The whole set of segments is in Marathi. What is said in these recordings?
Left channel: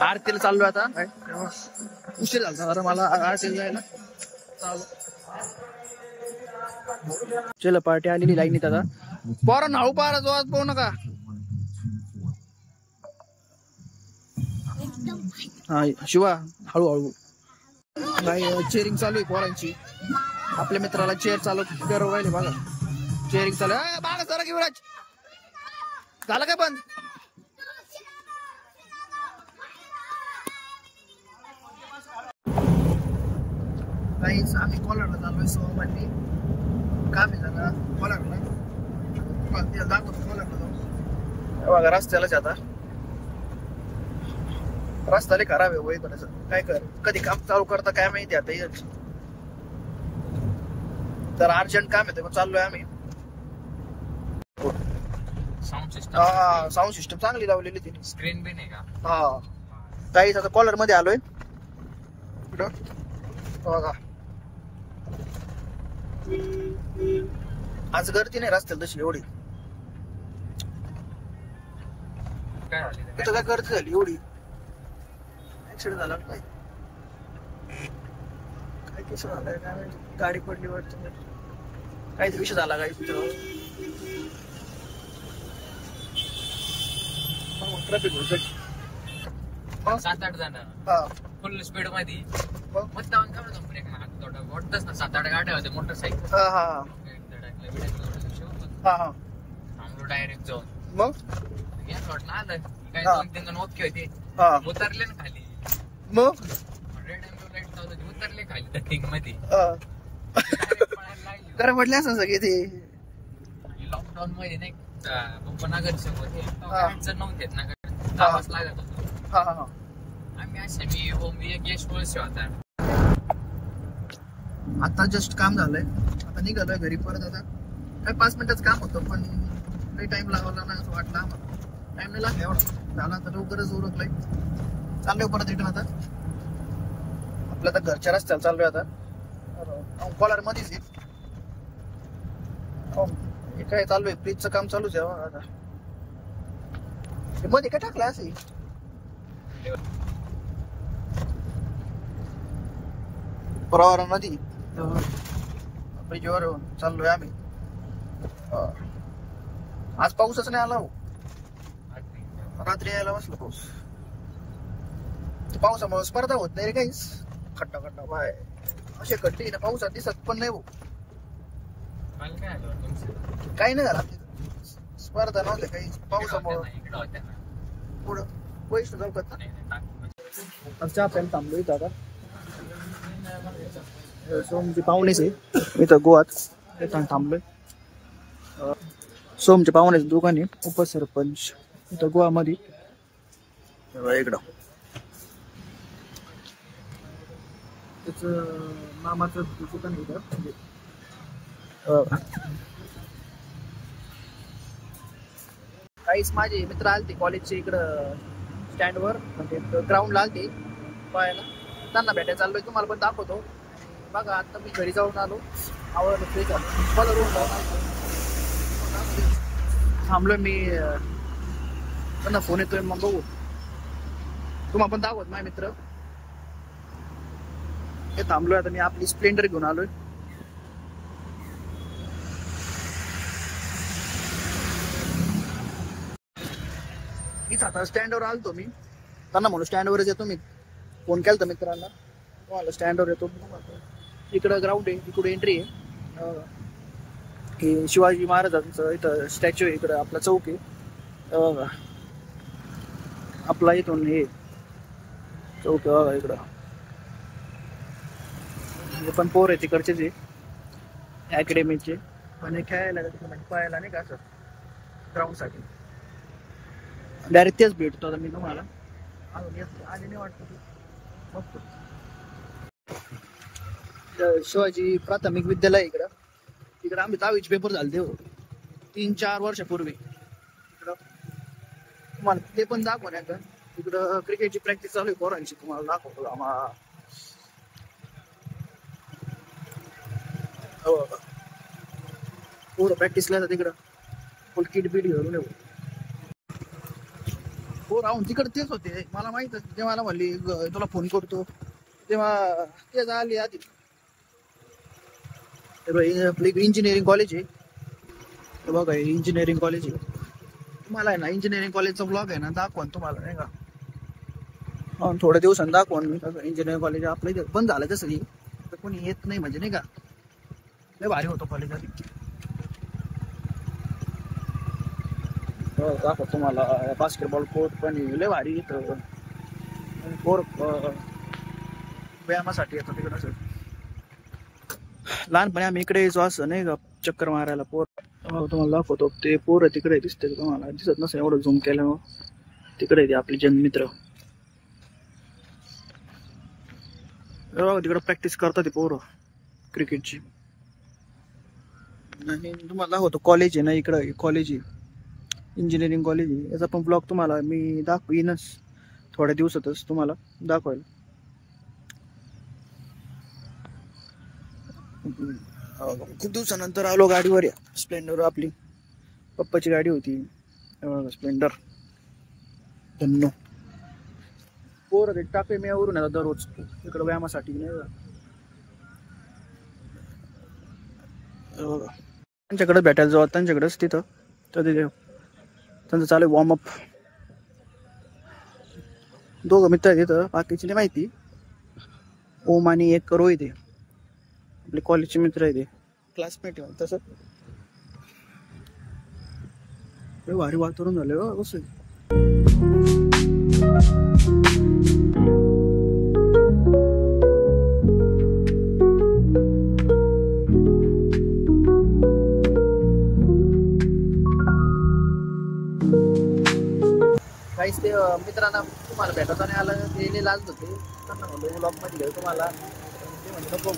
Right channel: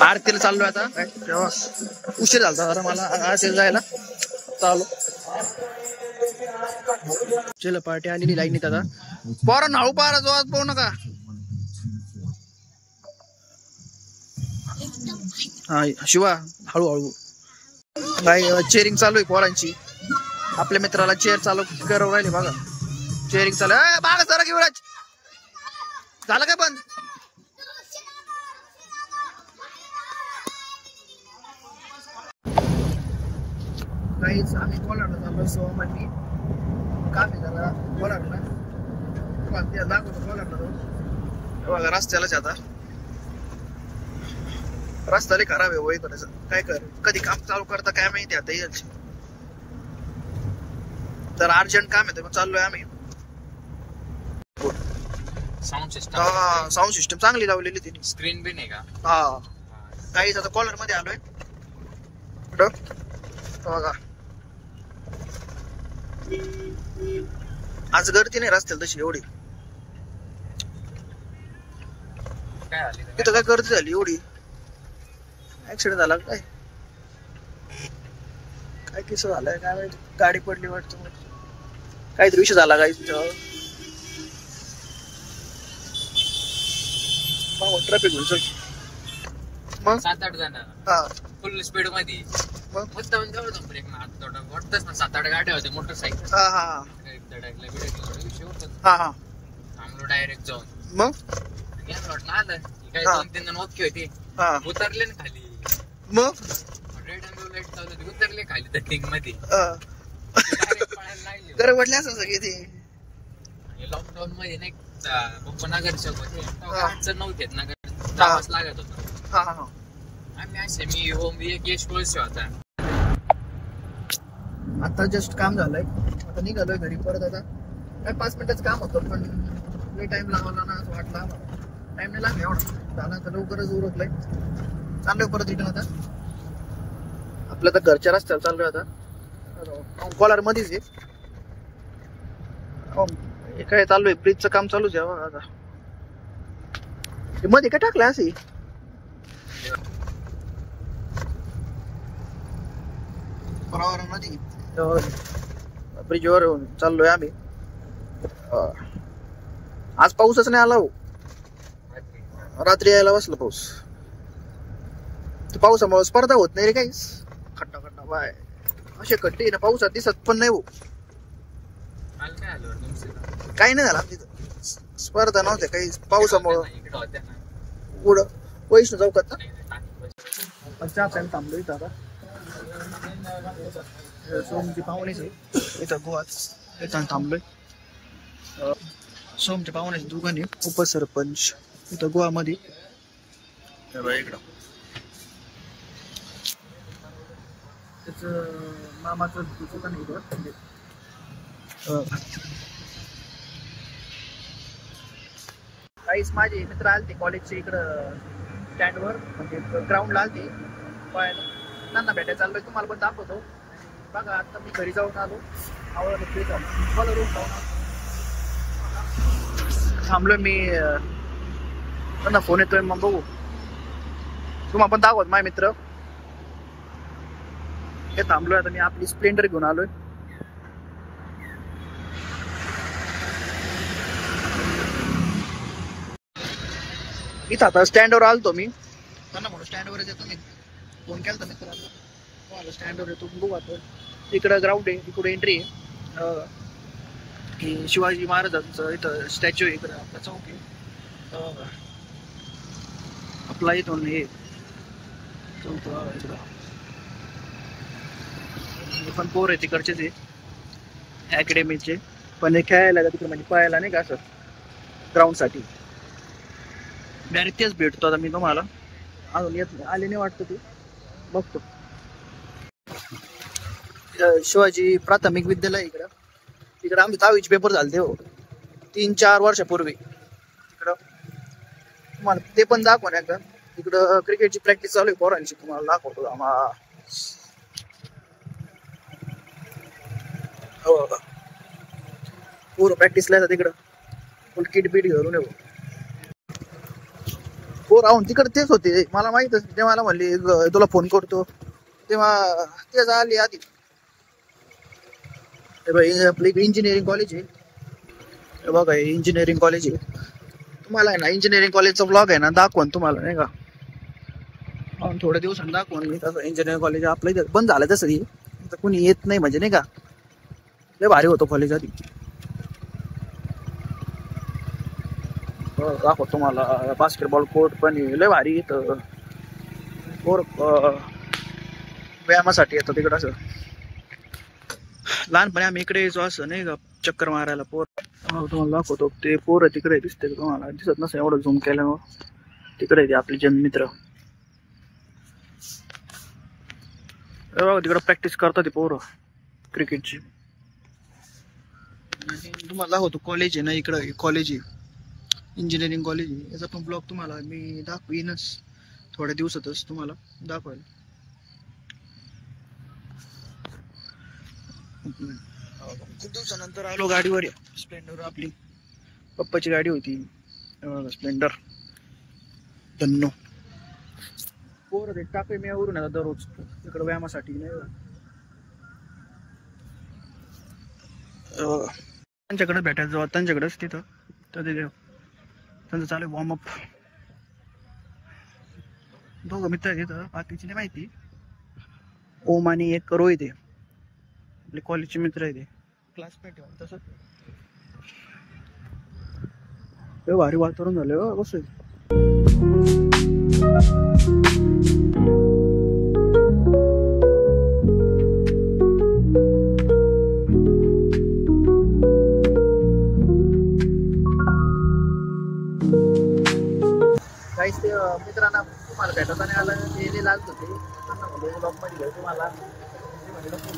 आरतीला चाललोय आता काय तेव्हा उशीर झाला जरा मला आरतीला जायला. चालू चल पार्टी आलेली लाईनीत आता. पोरांनो हळू पारा जोरात पाहू नका. हा शिवा हळूहळू. काय चेअरिंग चालू आहे पोरांची. आपल्या मित्राला चेअर चालू करवू राहिले बघा. चेअरिंग चालू आहे. बाळा जरा युवराज झालं काय बंद. काहीच आम्ही कोलारला चाललोय. सोमवार मी काम आहे जरा कोलारला. दाखवतो कोलारला जाऊन बघा. रस्त्यालाच आता रस्ता लय खराब आहे. वय करायचं काय कर कधी काम चालू करता काय माहिती आता. याची तर अर्जंट काम आहे मग चाललोय आम्ही. साऊंड सिस्टम चांगली लावलेली तिने. स्क्रीन बी नाही का. हा काहीच आता कॉलर मध्ये आलोय. कुठं बघा आज गर्दी नाही रस्त्याला तशी एवढी. तिथं काय गर्दी झाली एवढी. ऍक्सिडेंट झाला काय काय किस्सा झालाय काय माहिती. गाडी पडली वाटत काहीतरी विषय झाला काय तुझ्यावर. ट्रॅफिक घुसल मग 7-8 जण फुल स्पीड मध्ये. मग मुद्दाम जाऊ ब्रेक मारत मोठच 7-8 गाड्या होत्या मोटरसायकल. डायरेक्ट जाऊन मग आलं काय 2-3 जण मोजके होते. उतरले ना खाली. मग रेड अँड लाईट चालू होती. उतरले खाली त्या टिंग मध्ये. घर पडले असं सगळे ते. लॉकडाऊन मध्ये नाही उपनगरसेवक होते नव्हते नगर लागत होतं. आम्ही असे मी एक यश कोळसे होता. आता जस्ट काम झालंय. आता निघालोय घरी परत. आता काही 5 मिनिटाचं काम होतं पण लई टाइम लावला ना असं वाटलं आम्हाला. टाइम नाही लागला एवढा झाला. आता लवकरच उरकलंय. चाललोय परत रिटर्न आता. आपल्या आता घरच्या रस्त्याला चाललोय आता. कॉलर मध्येच आहे. काय चालू आहे ब्रिजचं काम चालूच आहे आता. मध्ये काय टाकलं असे बरोबर नदी ब्रिजवर चाललोय आम्ही. आज पाऊसच नाही आला हो. रात्री यायला बसला पाऊस. पावसामुळे स्पर्धा होत नाही रे काहीच. खड्डा खड्डा बाय असे खड्डे ना पावसात दिसत पण नाही हो. काही नाही झाला तिथं. स्पर्धा नव्हत्या काही पावसामुळं. पुढं वैष्णू चौकात ना चहा प्यायला थांबलो इथं आता. सोमची पाहुणेच आहे इथं गोवात. इथं थांबलोय. सोमच्या पाहुण्याचं दुकान आहे उपसरपंच इथं गोवामध्ये. इकडं त्याच मामाचं दुकान आहे इथं. काहीच माझे मित्र आलते कॉलेजचे इकडं स्टँडवर म्हणजे ग्राउंडला आलते पाहायला. त्यांना भेटायला चाललोय. तुम्हाला पण दाखवतो. बघा आता मी घरी जाऊन आलो. आवडलं फ्रेश झालो. मला रूम जाऊन आलो. थांबलोय मी. त्यांना फोन येतोय मग बघू. तुम्हाला पण दाखवत माझे मित्र. हे थांबलोय आता मी. आपली स्प्लेंडर घेऊन आलोय. इथं आता स्टँडवर आलतो मी. त्यांना म्हणून स्टँडवरच येतो मी. फोन केला तर मित्रांना. तुम्हाला स्टँडवर येतो बघू आता. इकडं ग्राउंड आहे. इकडे एंट्री आहे. हे शिवाजी महाराजांचं इथं स्टॅच्यू आहे. इकडं आपला चौक आहे. आपला इथून हे चौक इकडं. हे पण पोर आहे तिकडचेच आहे अकॅडमीचे. पण हे खेळायला तिकडे म्हणजे पळायला नाही का असं ग्राउंडसाठी. डायरेक्ट तेच भेटतो आता मी तुम्हाला. अजून येत आले नाही वाटतं ते बघतो. शिवाजी प्राथमिक विद्यालय इकडं. तिकडं आम्ही 10वीचे पेपर झाले हो 3-4 वर्षापूर्वी. तिकडं तुम्हाला ते पण दाखवा नाही का. तिकडं क्रिकेटची प्रॅक्टिस चालू आहे पोरांची. तुम्हाला दाखवतो आम्हाला. हो पूर्ण प्रॅक्टिसला तिकडं फुल किट बीट घेऊन येऊ. हो राहून तिकडे तेच होते, मला माहितच. ते मला म्हणले तुला फोन करतो, तेव्हा तेच आली आधी. आपली इंजिनिअरिंग कॉलेज आहे, बघा इंजिनिअरिंग कॉलेज आहे. तुम्हाला आहे ना इंजिनिअरिंग कॉलेजचा ब्लॉग आहे ना दाखवून तुम्हाला, नाही का. थोड्या दिवसांनी दाखवून मी तसं. इंजिनिअरिंग कॉलेज आपलं इथं बंद झालं तसं की, कुणी येत नाही म्हणजे, नाही का. लय भारी होतो कॉलेज आधी. दाखव तुम्हाला बास्केटबॉल कोर्ट पण लय भारी इथं. पोर व्यायामासाठी येतो तिकडं. असं लहानपणी आम्ही इकडे यायचो असं, नाही का, चक्कर मारायला. पोर तुम्हाला दाखवतो, ते पोरं तिकडे दिसते तुम्हाला, दिसत नसेल एवढं झूम केल्यावर. तिकडे ते आपले जन्मित्र तिकडे प्रॅक्टिस करतात ते पोरं क्रिकेटची. तुम्हाला दाखवतो कॉलेज आहे ना, इकडं कॉलेज आहे, इंजिनिअरिंग कॉलेज आहे. याचा पण ब्लॉग तुम्हाला मी दाखवीनच थोड्या दिवसातच तुम्हाला दाखवायला. खूप दिवसानंतर आलो गाडीवर. स्प्लेंडर आपली पप्पाची गाडी होती, स्प्लेंडर धन्नो. पोरं ते टाके मी वरून येतात दररोज इकडं व्यायामासाठी, नाही का. त्यांच्याकडे भेटायला जाऊ, त्यांच्याकडेच तिथं. तर तिथे त्यांचं चालू आहे वॉर्मअप. दोघं मित्र आहेत तिथं, बाकीची नाही माहिती. ओम आणि एक रोहित आहे, आपले कॉलेजचे मित्र आहे, ते क्लासमेट आहे तसं. भारी वातावरण झालं कसं. काहीच ते मित्रांना तुम्हाला भेटता नाही आलं, ते लाजत होते. त्यांना म्हणलं ब्लॉग मध्ये घेऊ तुम्हाला, ते म्हणजे नको.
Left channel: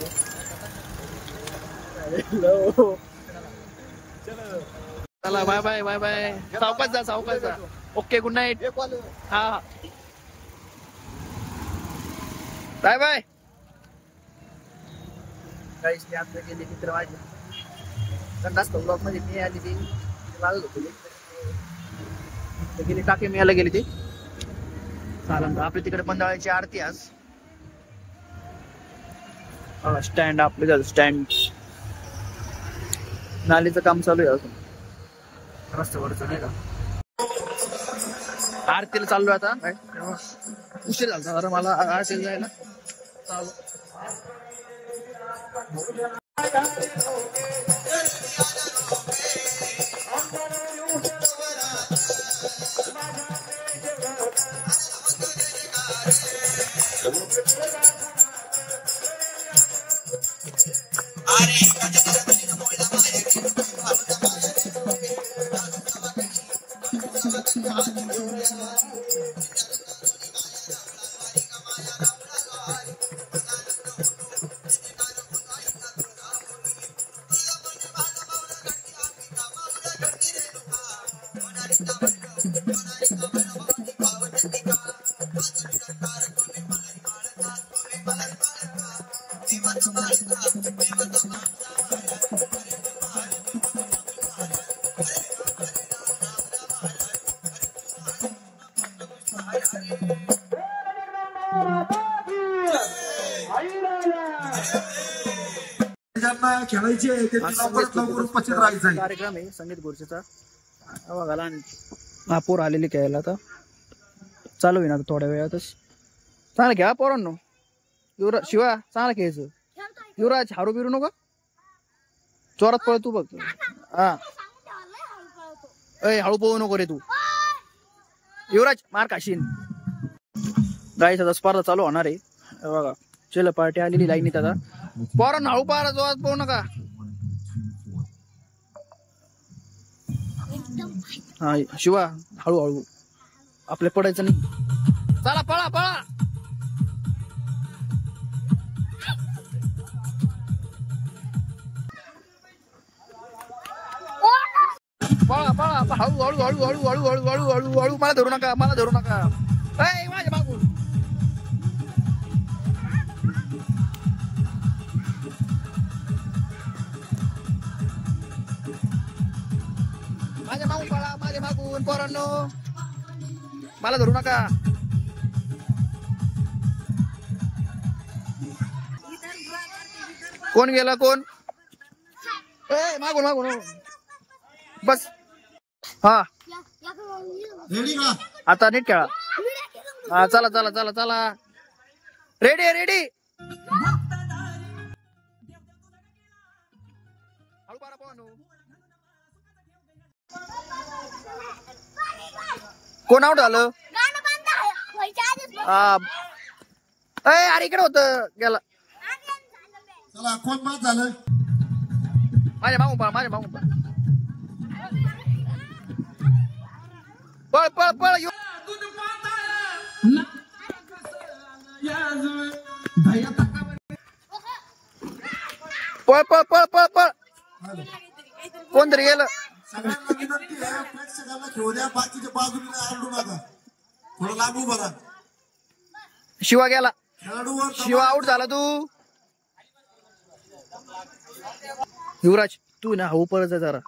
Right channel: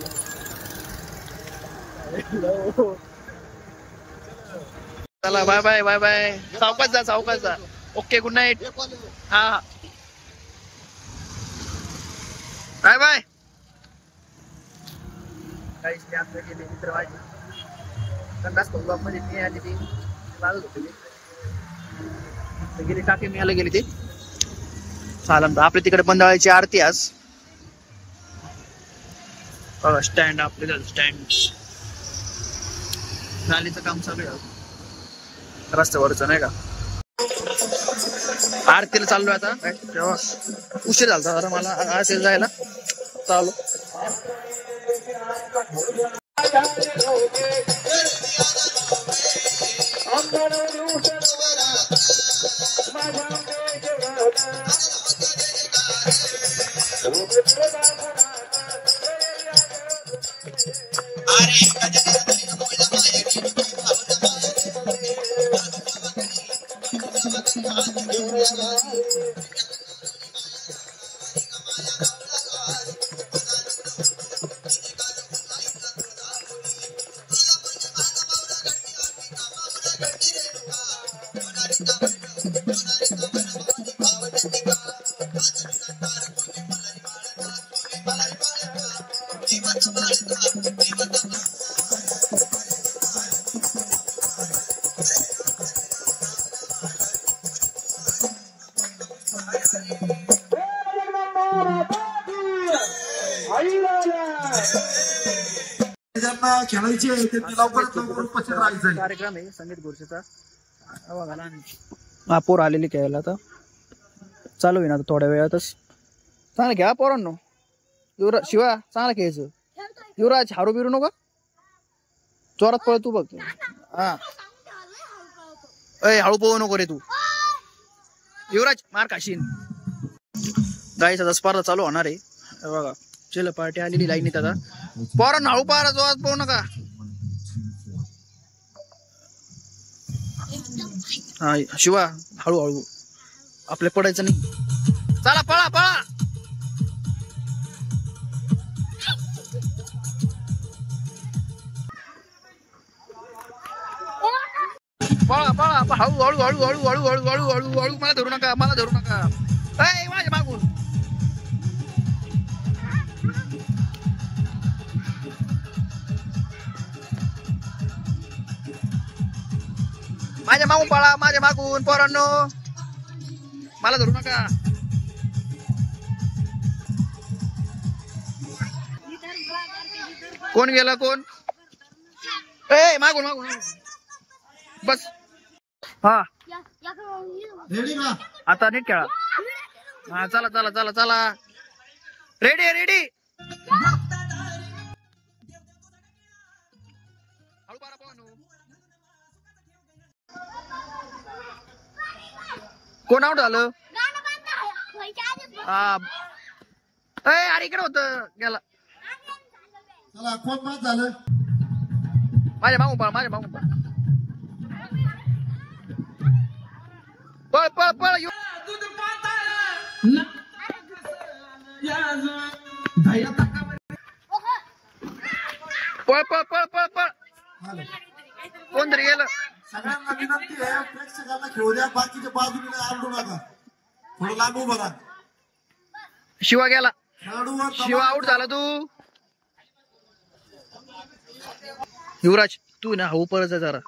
चला बाय बाय बाय बाय. सावकाश जा, सावकाश जा. Okay, good night. हा बाय बाय. काहीच ते आता गेले मित्र माझे, त्यांनाच ब्लॉग मध्ये मी आली, ती लाजत होते. गेली टाकी मिळायला गेली ते. चालन आपल्या तिकडे बंदाळाची आरती आज. स्टँड आपले झालं, स्टँड नालीचं काम चालू आहे अजून रस्त्यावरचं, नाही का. आरतीला चाललो आता. तेव्हा उशीर झाला जरा मला आरतीला जायला. चालू कार्यक्रम आहे संगीत खुर्चीचा. पोर आलेली खेळायला, आता चालू आहे ना थोड्या वेळातच. चांगलं घ्या पोरांनो. युवराज, शिवा चांगलं खेळायचं. युवराज हारू बिरू नको, जोरात पळ तू बघ. हा हळू पळू नको रे तू. युवराज मार खाशीन. गाईचा स्पर्धा चालू होणार आहे बघा. चल पार्टी आलेली लाईनीत आता. पोरांनो हळू पारा, जोरात पळू नका. हा शिवा हळूहळू, आपल्या पडायचं नाही. चला पळा पळा. पळा पळा हळू हळू हळू हळू हळू हळू हळू हळू हळू. मला धरू नका, मला धरू नका. माझ्या मागून पळा, माझ्या मागून पोरांनो. मला धरू नका. कोण गेला कोण? ए मागून मागून बस. हा रेडी का? आता नीट खेळा. हा चला चला चला चला. Ready ready. हळू पारा पाहू. कोण आउट झालं? अरे इकडे होत गेला. चला कोण बाद झालं? माझ्या मागून पा माझ्या मागून पा. पळ पळ पळ. पळ पळ पळ पळ पळ. कोणतरी गेलं. सगळ्यांना विनंती आहे प्रेक्षकांना खेळू द्या. बाकीच्या बाजूने आलडू नका. थोडं लागू बघा. शिवा गेला. खेळाडूवर शिवा आउट झाला. तू युवराज तू ना हळू पळायचं जरा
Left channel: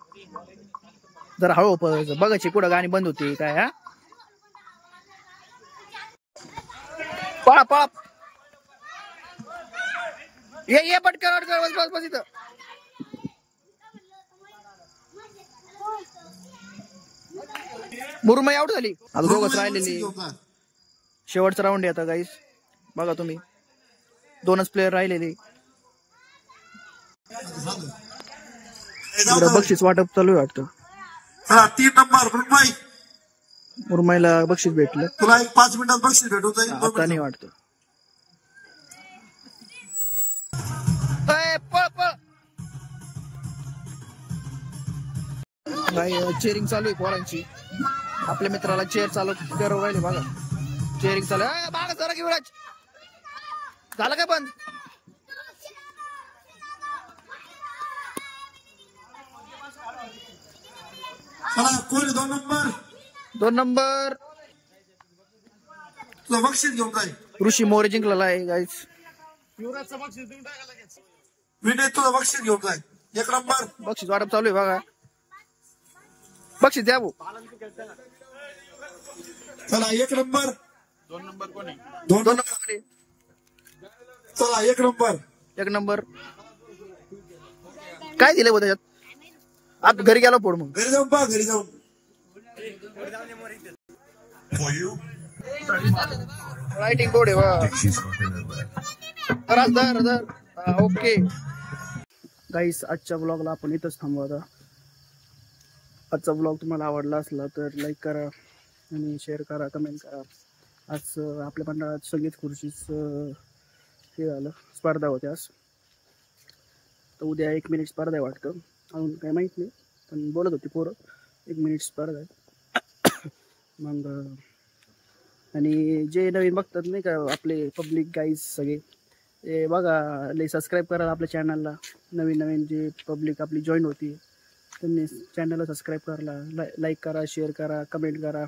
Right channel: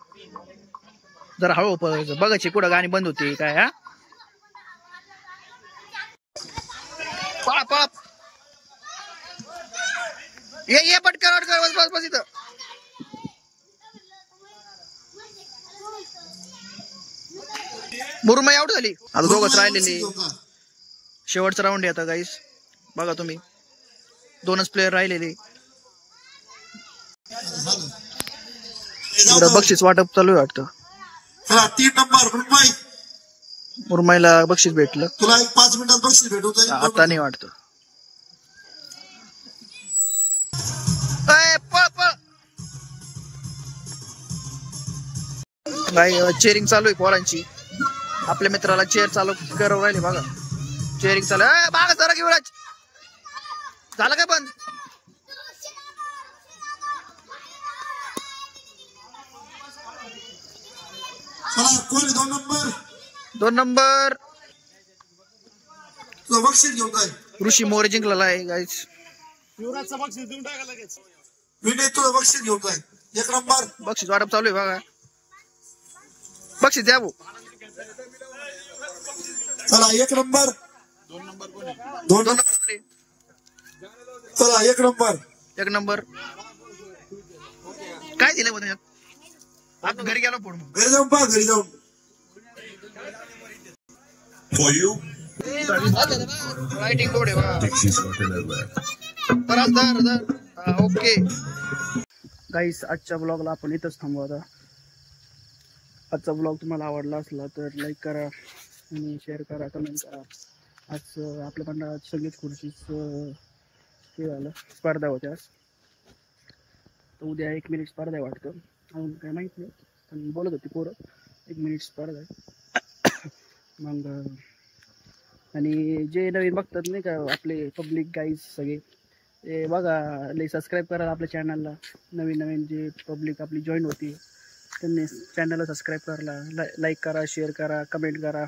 जरा हळू पळायचं. बघायची कुठं गाणी बंद होती काय. हा पळा पळा. ये पटकन अटकर. बस बस बस इथं. मुरमाई आउट झाली. आता दोघच राहिलेली. शेवटचा राऊंड आहे आता गाईस. बघा तुम्ही 2च प्लेयर राहिलेले. बक्षीस वाटप चालू आहे वाटतं. 3 नंबर मुंबई. मुरमाईला बक्षीस भेटलं. तुला 5 मिनिटात बक्षीस भेटून जाईल. आता नाही वाटत. पळ पळ. नाही चेअरिंग चालू आहे पोरांची. आपल्या मित्राला चेअर चालू करव राहिले बघा. चेअरिंग चालू आहे. बागा जरा युवराज झालं काय बंद? चला कोण 2 नंबर? 2 नंबर तुला बक्षीस घेऊन जाईल. ऋषी मोरे जिंकलेला आहे गाईस. युवराजचं बक्षीस देऊन टाका लगेच. विनय तुला बक्षीस घेऊन जाईल. 1 नंबर बक्षीस वाटप चालू आहे बघा. बक्षीस द्या भाऊ. चला 1 नंबर. 2 नंबर कोण आहे? 2 2 नंबर. नंबर. चला 1 नंबर. 1 नंबर काय दिलं बघ त्याच्यात? आता घरी गेलो फोड मग. घरी जाऊन पहा. घरी जाऊन रायटिंग बोर्ड आहे वा. ओके गाईस आजच्या ब्लॉगला आपण इथंच थांबू. आता आजचा ब्लॉग तुम्हाला आवडला असला तर लाईक करा आणि शेअर करा, कमेंट करा. आज आपल्या मंडळात संगीत खुर्चीच हे झालं, स्पर्धा होत्या आज. तर उद्या 1 मिनिट स्पर्धा आहे वाटतं. अजून काय माहीत नाही पण बोलत होती पोरं 1 मिनिट स्पर्धा आहे. मग आणि जे नवीन बघतात नाही का आपले पब्लिक गाईज सगळे ते बघा लई सबस्क्राईब करा आपल्या चॅनलला. नवीन नवीन जे पब्लिक आपली जॉईन होती त्यांनी चॅनलला सबस्क्राईब करायला लाईक करा, शेअर करा, कमेंट करा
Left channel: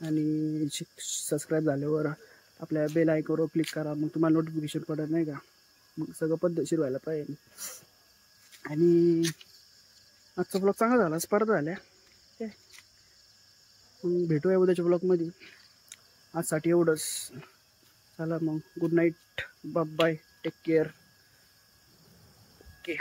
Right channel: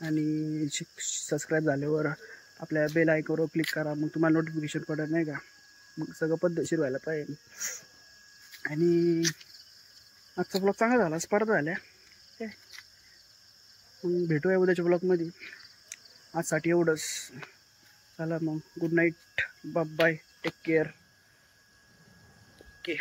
आणि सबस्क्राईब झाल्यावर आपल्या बेल आयकॉनवर क्लिक करा. मग तुम्हाला नोटिफिकेशन पडत नाही का. मग सगळं पद्धतशीर व्हायला पाहिजे. आणि आजचा ब्लॉग चांगला झाला. स्पर्धा झाल्या काय. मग भेटूया उद्याच्या ब्लॉगमध्ये. आजसाठी एवढंच. चला मग good night. Bye. Take care. Okay.